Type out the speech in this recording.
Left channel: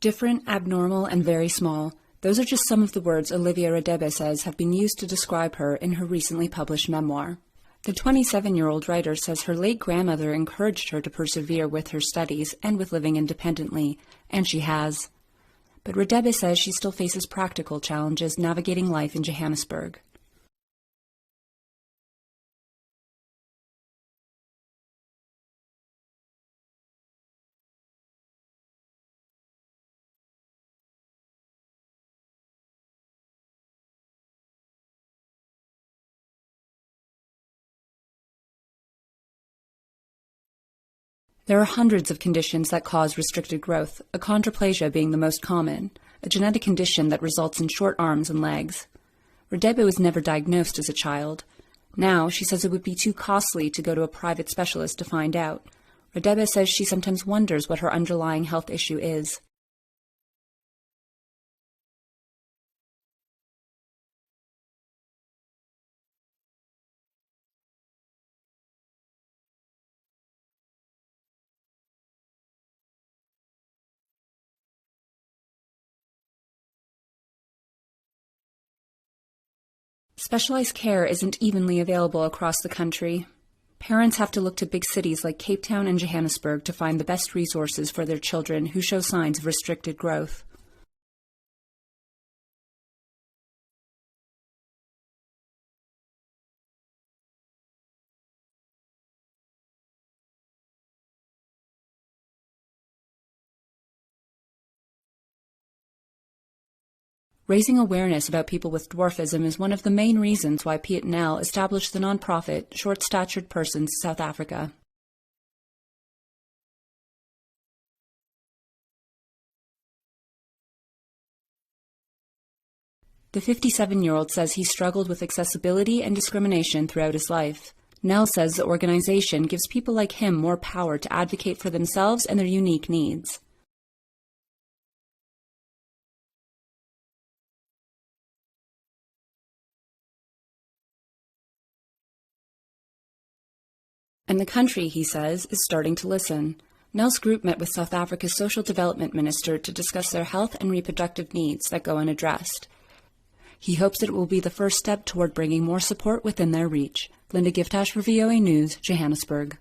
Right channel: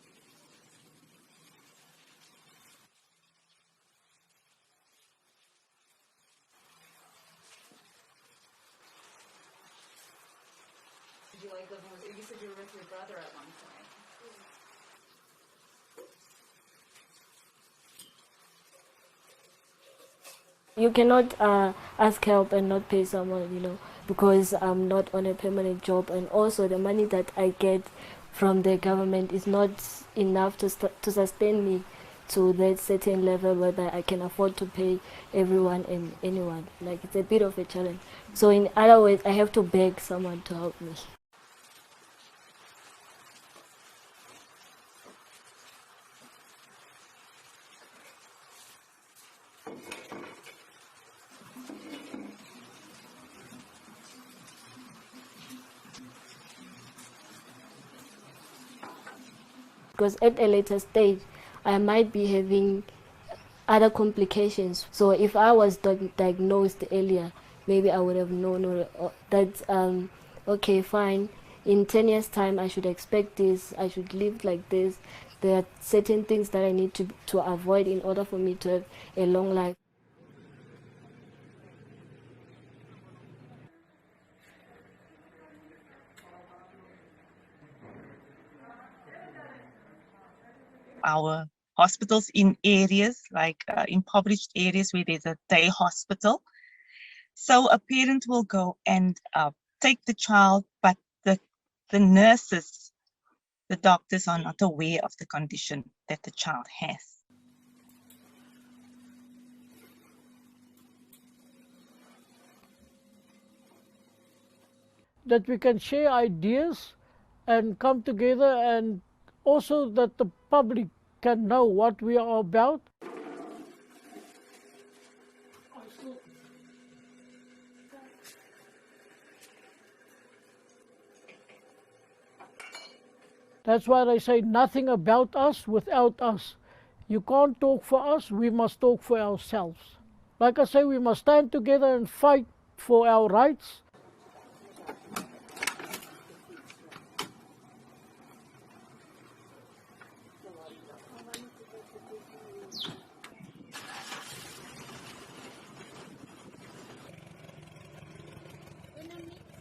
Different, abnormal, and very small. Those are just some of the words Olivia Radebe says have been used to describe her in her recently published memoir. The 27-year-old writer says her late grandmother encouraged her to persevere with her studies and with living independently, and she has. But Radebe says she still faces practical challenges navigating life in Johannesburg. You cannot ask help and not pay someone, because I'm not on a permanent job, and also the money that I get from the government is not enough to sustain me to that certain level whether I can afford to pay everyone and anyone. It's a bit of a challenge. So in other words, I have to beg someone to help me. There are hundreds of conditions that cause restricted growth, achondroplasia being the most common, a genetic condition that results in short arms and legs. Radebe was never diagnosed as a child. Now, she says it would be too costly to go to a private specialist to find out. Radebe says she sometimes wonders what her underlying health issue is. Because at a later stage, I might be having other complications. So if I was diagnosed earlier, maybe I would have known that, okay, fine, in 10 years' time I should expect this, I should live like this. There are certain things that I need to avoid in order for me to have a long life. Specialized care isn't evenly available across the country. Parents have to look to big cities like Cape Town and Johannesburg to find the best resources for their children who show signs of restricted growth. Our hospitals in areas like impoverished areas where there's a day hospital. So a parent will go and take the child, but the nurses, the doctors are not aware of the condition that the child has. Raising awareness about people with dwarfism is one of the main reasons why Piet Nel established the nonprofit Short-Statured Persons South Africa. That we can share ideas and come together, and also that the public can know what we are about. The 57-year-old says he struggled with accessibility and discrimination throughout his life. Nel says the organization gives people like him more power to advocate for themselves and their unique needs. That's why they say nothing about us without us. You can't talk for us, we must talk for ourselves. Like I say, we must stand together and fight for our rights. And the country, he says, is starting to listen. Nel's group met with South Africa's Social Development Minister to discuss their health and reproductive needs that go unaddressed. He hopes that it will be the first step toward bringing more support within their reach. Linda Giftash for VOA News, Johannesburg.